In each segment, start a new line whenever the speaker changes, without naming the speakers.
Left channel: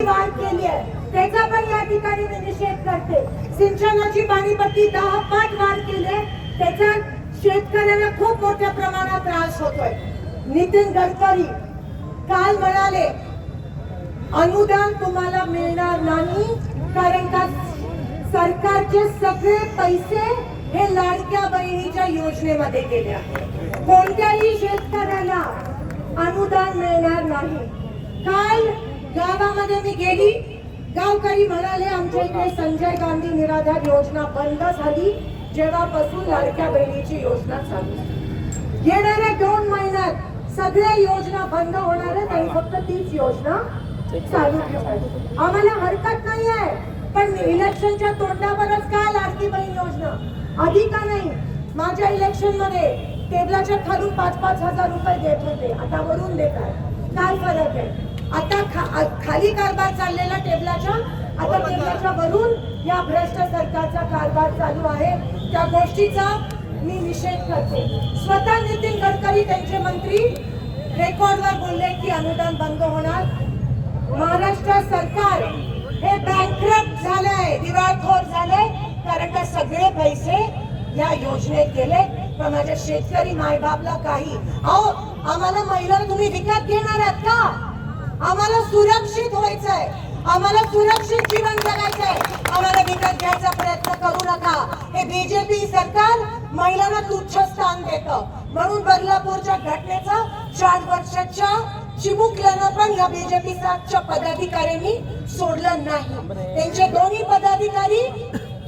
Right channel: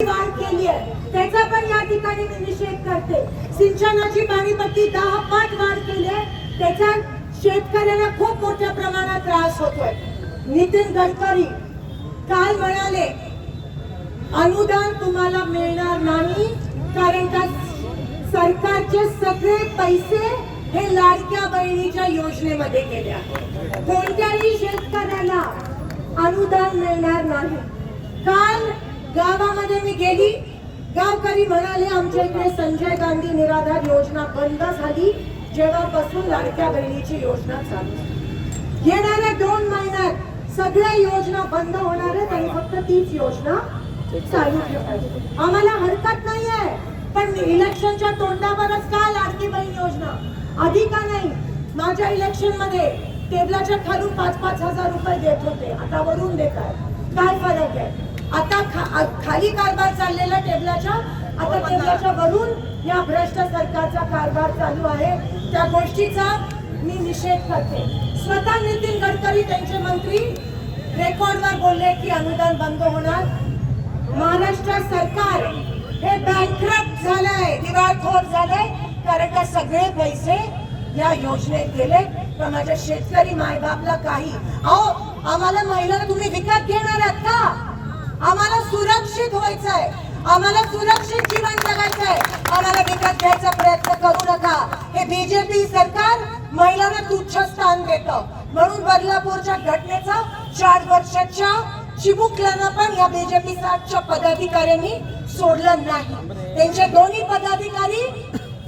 वाढ केली आहे. त्याचा पण या ठिकाणी मी निषेध करते. सिंचनाची पाणीपट्टी दहा पट वाढ केली आहे. त्याचा शेतकऱ्यांना खूप मोठ्या प्रमाणात त्रास होतोय. नितीन गडकरी काल म्हणाले अनुदान तुम्हाला मिळणार नाही कारण का सरकारचे सगळे पैसे हे लाडक्या बहिणीच्या योजनेमध्ये गेले कोणत्याही शेतकऱ्याला अनुदान मिळणार नाही. काल गावामध्ये मी गेली. गावकरी म्हणाले आमच्या इकडे संजय गांधी निराधार योजना बंद झाली. जेव्हापासून लाडक्या बहिणीची योजना चालू येणाऱ्या दोन महिन्यात सगळ्या योजना बंद होणार आहेत आणि फक्त तीच योजना चालू ठेवायची आम्हाला हरकत नाही आहे पण इलेक्शनच्या तोंडावरच का लाडकी बहीण योजना? आधी का नाही? माझ्या इलेक्शनमध्ये टेबलाच्या खालून पाच पाच हजार रुपये देत होते. आता वरून देत आहे काय फरक आहे? आता खा, खाली कारभार चाललेला टेबलाच्या आता टेबलाच्या वरून या भ्रष्ट सरकारचा कारभार चालू आहे. त्या गोष्टीचा मी निषेध करते. स्वतः नितीन गडकरी त्यांचे मंत्री रेकॉर्डवर बोलले की अनुदान बंद होणार. महाराष्ट्र सरकार हे बँकरप्ट झालंय दिवाळखोर झालंय कारण का सगळे पैसे या योजनेत गेले. पण माझ्या शेतकरी मायबापला काही. अहो आम्हाला महिला तुम्ही विकत घेणार आहात का? सुरक्षित आम्हाला सुरक्षित जीवन जगायचं आहे. आम्हाला विकत घ्यायचा प्रयत्न करू नका. हे बीजेपी सरकार महिलांना तुच्छ स्थान देतं. म्हणून बदलापूरच्या घटनेचा चार वर्षाच्या चिमुकल्यानं पण या बीजेपी साठच्या पदाधिकाऱ्यांनी सोडलं नाही. त्यांचे दोन्ही पदाधिकारी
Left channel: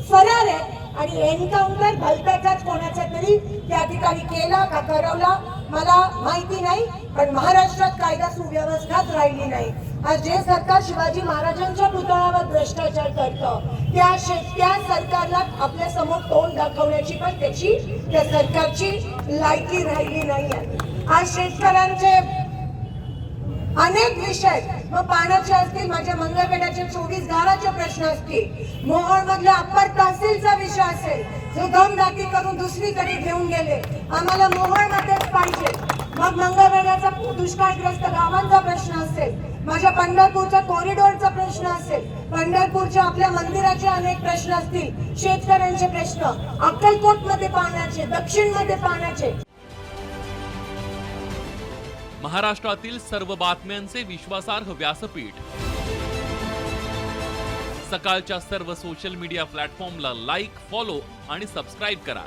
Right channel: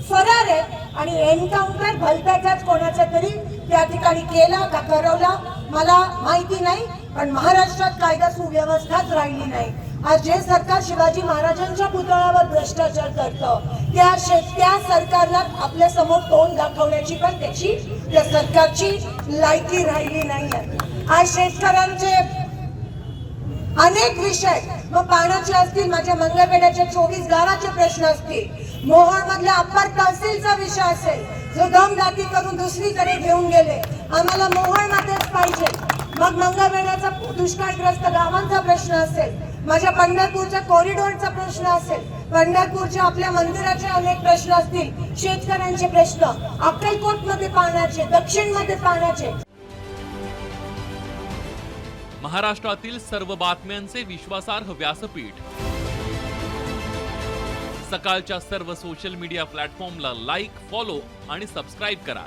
फरार आहेत आणि एन्काउंटर भलत्याचाच कोणाचा तरी त्या ठिकाणी केला का करवला मला माहिती नाही पण महाराष्ट्रात कायदा सुव्यवस्थाच राहिली नाही. आज जे सरकार शिवाजी महाराजांच्या पुतळ्यावर भ्रष्टाचार करतं त्या शे- त्या सरकारला आपल्यासमोर तोंड दाखवण्याची पण त्याची त्या सरकारची लायकी राहिली नाही आज शेतकऱ्यांचे अनेक विषय मग पाण्याचे असतील माझ्या मंगळवेड्याच्या चोवीस गावाचे प्रश्न असतील. मोहोळ मधल्या अप्पर तहसीलचा विषय असेल. जो दमदाटी करून दुसरीकडे घेऊन गेले. आम्हाला मोहोळ मध्येच पाहिजे. मग मंगळवेड्याचा दुष्काळग्रस्त गावांचा प्रश्न असेल माझ्या पंढरपूरच्या कॉरिडॉरचा प्रश्न असेल पंढरपूरच्या आपल्या मंदिराचे अनेक प्रश्न असतील शेतकऱ्यांचे प्रश्न अक्कलकोटमध्ये पाण्याचे दक्षिणमध्ये पाण्याचे.
महाराष्ट्रातील सर्व बातम्यांचे विश्वासार्ह व्यासपीठ. सकाळच्या सर्व सोशल मीडिया प्लॅटफॉर्मला लाईक फॉलो आणि सबस्क्राईब करा.